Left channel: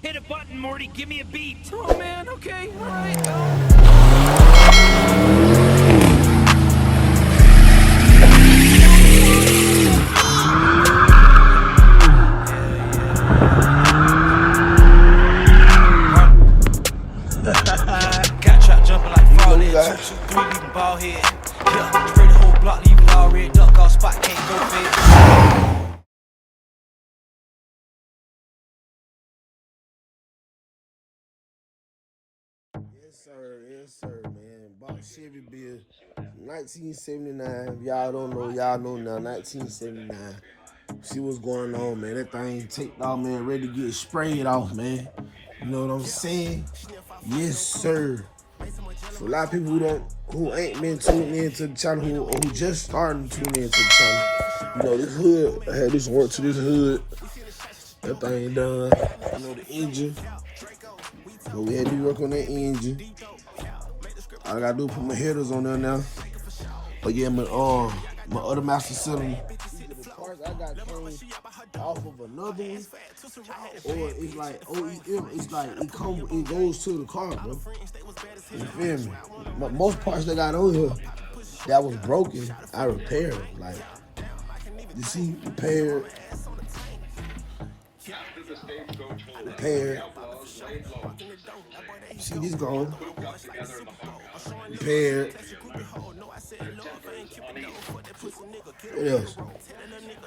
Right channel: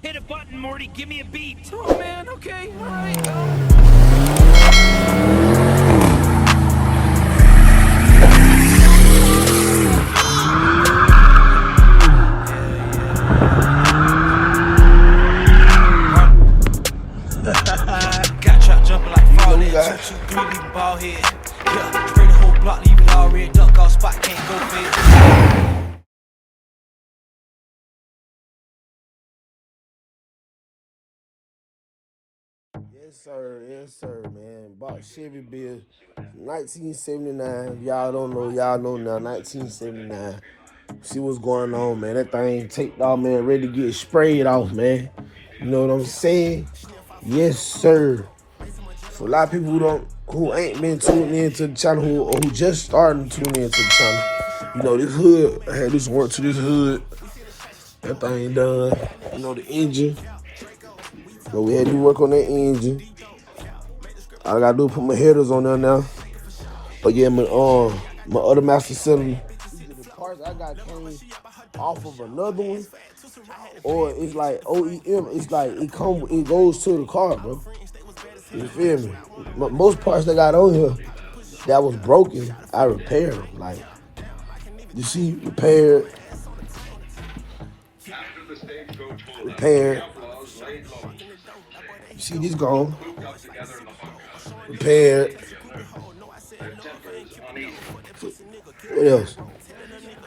Hit a button, Morty. Give me a beat. Oh man, okay, all right. Got trapped jumping like frog You leg. know, 223 leaving ball head. Yeah, spray the whole block, leave it all red. Duck off spot, can't go fit. yes, sir, man. Box Chevy built 1979. Y'all don't know, y'all know now. 1979. See what's going on, man. That thing taped off, man. Ready to get sprayed off, man. You know what I'm saying? Yes, sir. For a lot of people who ain't been tuning into the channel, who just starting to tune into the channel, you know, this hood, I had this work to this hood. That thing done. You know, the engine. So we had to work on that engine. All I gotta do is put my headers on there now. But yeah, my other master cylinder. Off of another one, or it's like OEM. It's like it goes to the car, bro. You feel me? Most parts that got on here that was broken, I repaired them. Like you see, repaired. You see this gone, repaired. What else?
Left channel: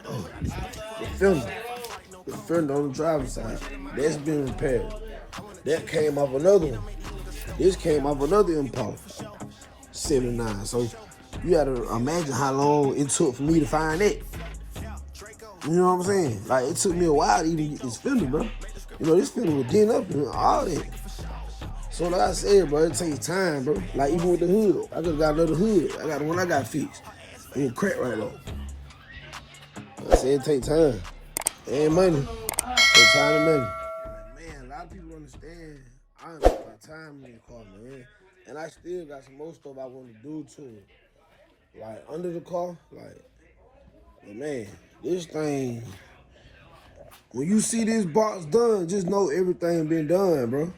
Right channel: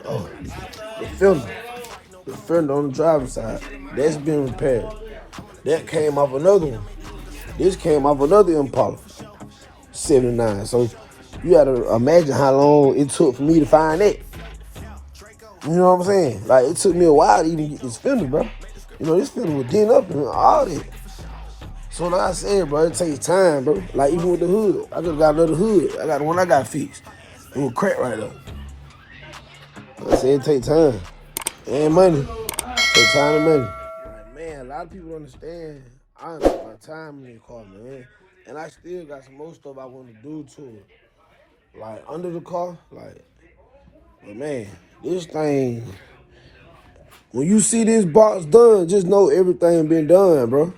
Oh, the fender on the driver's side. That's been repaired. That came off another one. This came off another Impala, 79. So you gotta imagine how long it took for me to find that. You know what I'm saying? Like it took me a while to even get this fender, bro. You know, this fender was dinged up and all that. So like I said, bro, it takes time, bro. Like even with the hood, I just got another hood. I got the one I got fixed. It was cracked right on. I said it take time and money. It take time and money. Like, man, a lot of people understand. I invest my time in the car, man, and I still got some more stuff I want to do to it. Like under the car, like, but man, this thing. When you see this box done, just know everything been done, bro.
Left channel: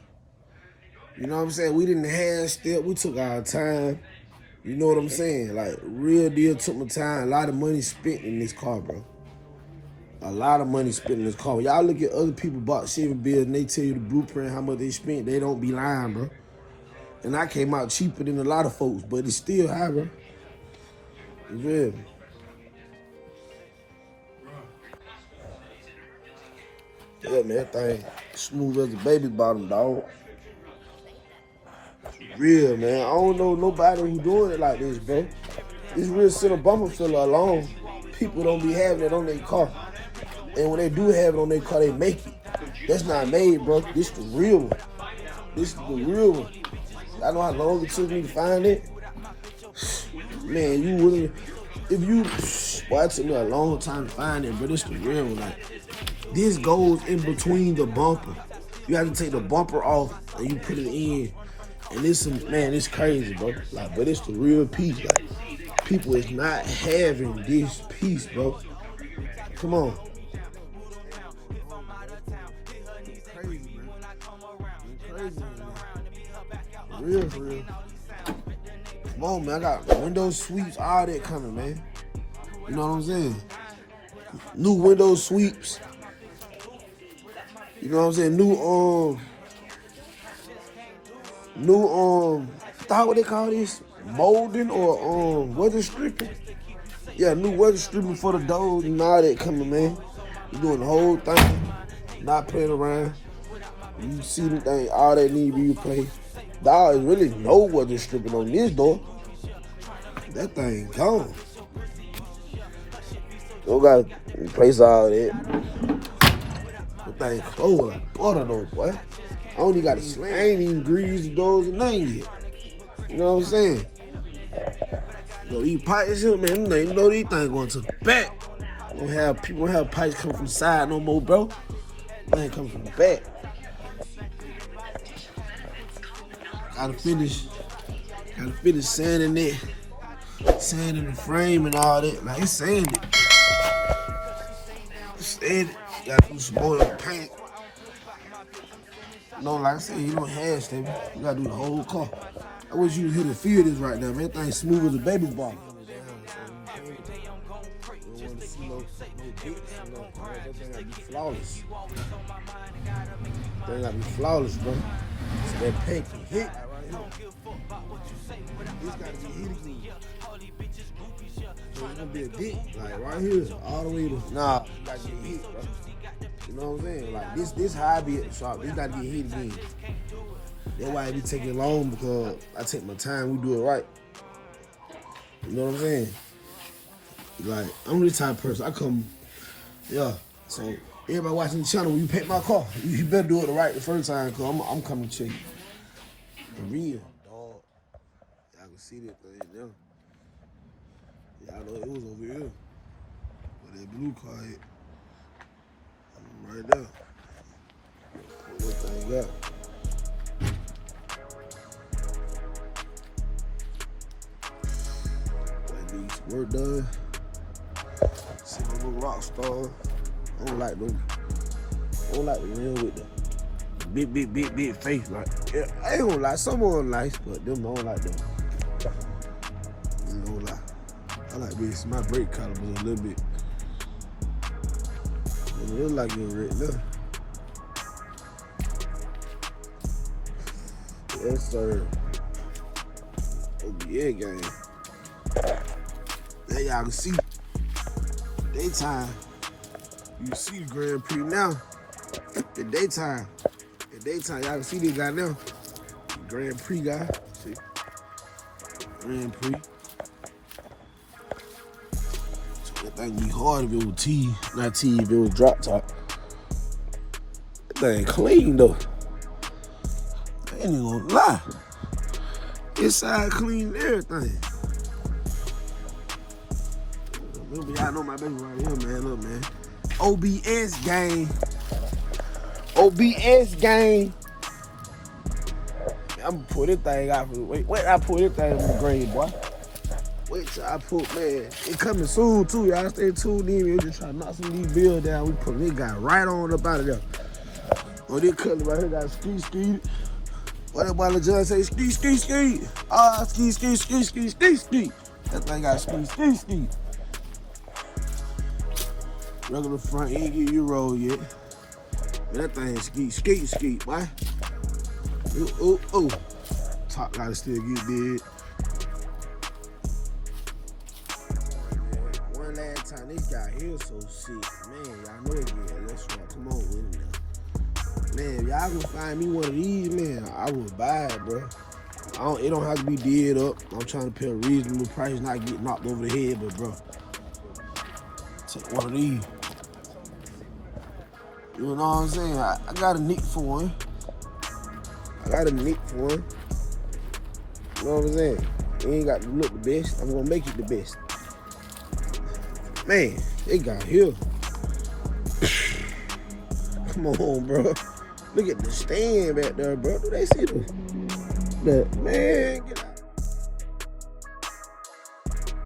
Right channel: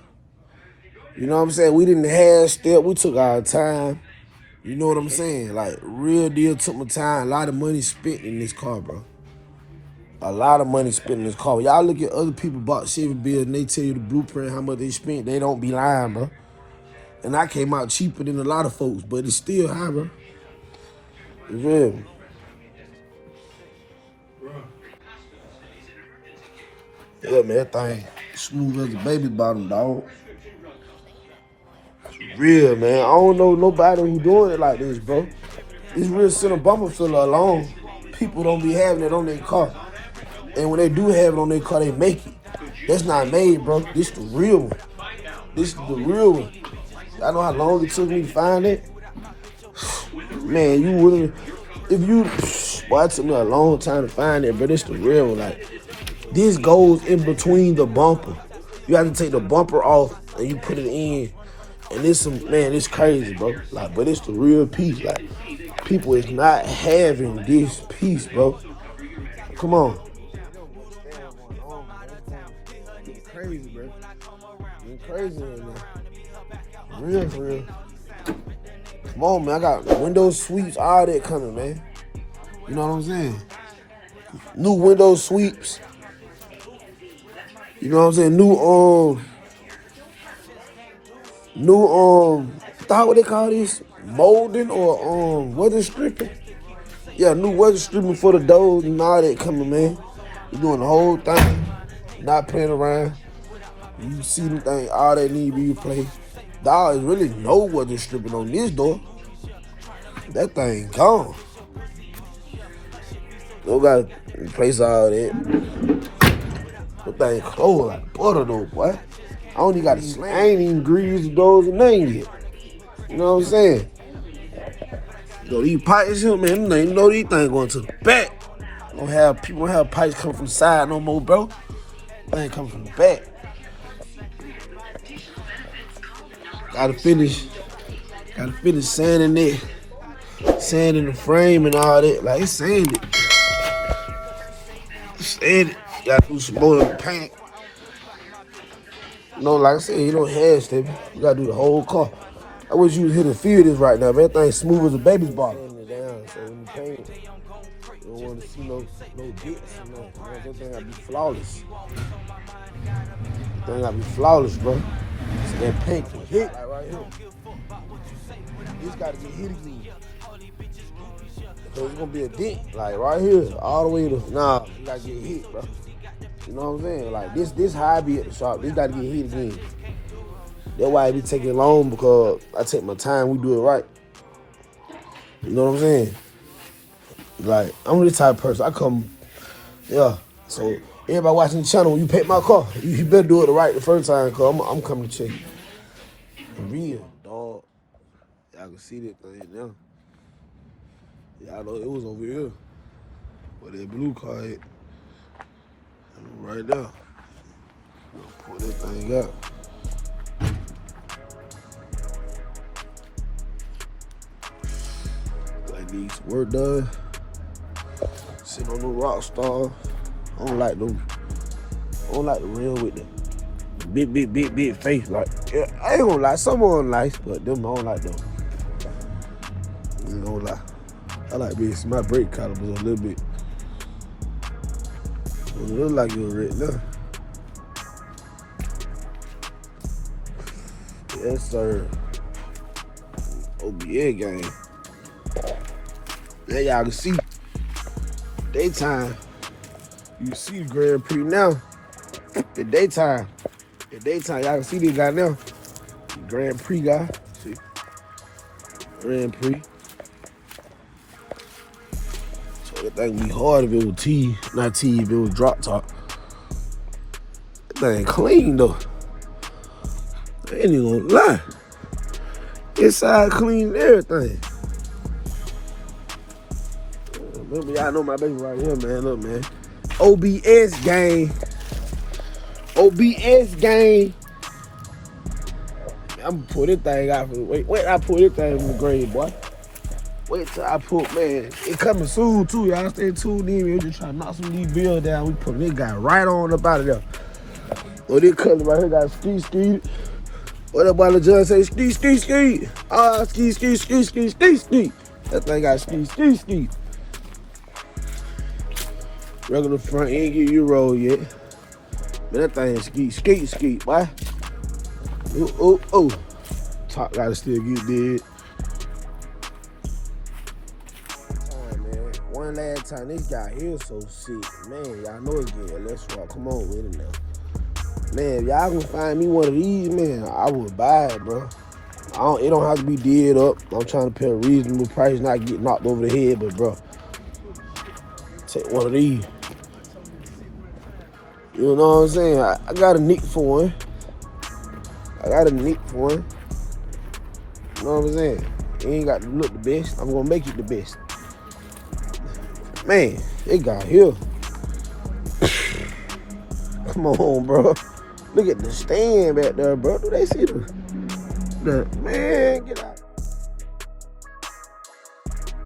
You know what I'm saying? We didn't half step. We took our time. You know what I'm saying? Like, real deal, took my time. A lot of money spent in this car, bro. A lot of money spent in this car. Y'all look at other people bought Chevy build and they tell you the blueprint, how much they spent. They don't be lying, bro. And I came out cheaper than a lot of folks, but it's still high, bro. You feel me? Yeah, man, that thing smooth as a baby bottom, dog. Real, man. I don't know nobody who doing it like this, bro. This real center bumper filler alone, people don't be having it on their car. And when they do have it on their car, they make it. That's not made, bro. This the real one. This is the real one. I know how long it took me to find it. Man, you wouldn't, if you, boy, it took me a long time to find it, but it's the real one. Like, this goes in between the bumper. You have to take the bumper off and you put it in. And this, man, it's crazy, bro. Like, but it's the real piece. Like, people is not having this piece, bro. Come on. It's crazy, bro. It's crazy right now. Real, for real. Come on, man. I got window sweeps, all that coming, man. You know what I'm saying? New window sweeps. You know what I'm saying? What they call this? Molding or weather stripping? Yeah, new weather stripping for the doors and all that coming, man. We doing the whole thing, not playing around. You see the thing, all that need to be replaced. Dog, is really no weather stripping on this door. That thing gone. You gotta replace all that. That thing cold like butter though, boy. I don't even got to slam. I ain't even greased the doors and nothing yet. You know what I'm saying? You know, these pipes here, man, you know these things going to the back. Don't have people have pipes come from the side no more, bro. They come from the back. Gotta finish sanding it. Sanding the frame and all that. Like, it's sanded. Sanded. Gotta do some more of the paint. No, like I said, you don't have stable. You gotta do the whole car. I wish you was here to feel this right now, man. That thing smooth as a baby's bottom. So when you paint, you don't want to see no bits. This thing gotta be flawless. Thing gotta be flawless, bro. That paint can hit right here. This gotta be hit. So it's gonna be a dent, like right here, all the way to nah. You gotta get hit, bro. You know what I'm saying? Like this how I be at the shop. This gotta get hit again. That's why it be taking long, because I take my time. We do it right. You know what I'm saying? Like I'm this type of person. I come, yeah. So everybody watching the channel, when you paint my car, you better do it right the first time, cause I'm coming to check it. Real dog. Y'all can see that thing now. Y'all know it was over here. Where that blue car at. Right there. What this thing got. Like these work done. Sitting on the rock star. I don't like them. I don't like the real with the big face. Like, yeah, I ain't gonna lie, some of them nice, but them I don't like them. I ain't gonna lie. I like this. My brake calipers a little bit. It look like you're right now. Yes, sir. OBA game. There y'all can see. Daytime. You can see the Grand Prix now. The daytime. Y'all can see this guy now. The Grand Prix guy. See? Grand Prix. So that thing be hard if it was T, not T, if it was drop top. That thing clean though. I ain't even gonna lie. Inside clean everything. Remember, y'all know my baby right here, man. Look, man. OBS gang. OBS gang. I'm gonna pull this thing out. Wait, I pull this thing in the grade, boy. Wait till I put, man. It coming soon, too. Y'all stay tuned in. We're just trying to knock some of these bills down. We put this guy right on up out of there. Oh, this color right here got ski. What that boy LeJohn say? Ski. Ah, ski. That thing got ski. Regular front, ain't give you roll yet. Man, that thing ski, boy. Ooh. Top gotta still get dead. One last time, this guy here so sick. Man, y'all know it's good. Let's rock. Come on with it now. Man, if y'all can find me one of these, man, I would buy it, bro. It don't have to be dead up. I'm trying to pay a reasonable price, not get knocked over the head, but bro, take one of these. You know what I'm saying? I got a nick for one. You know what I'm saying? You ain't got to look the best. I'm gonna make it the best. Man, they got here. Come on, bro. Look at the stand back there, bro. Do they see the man? Get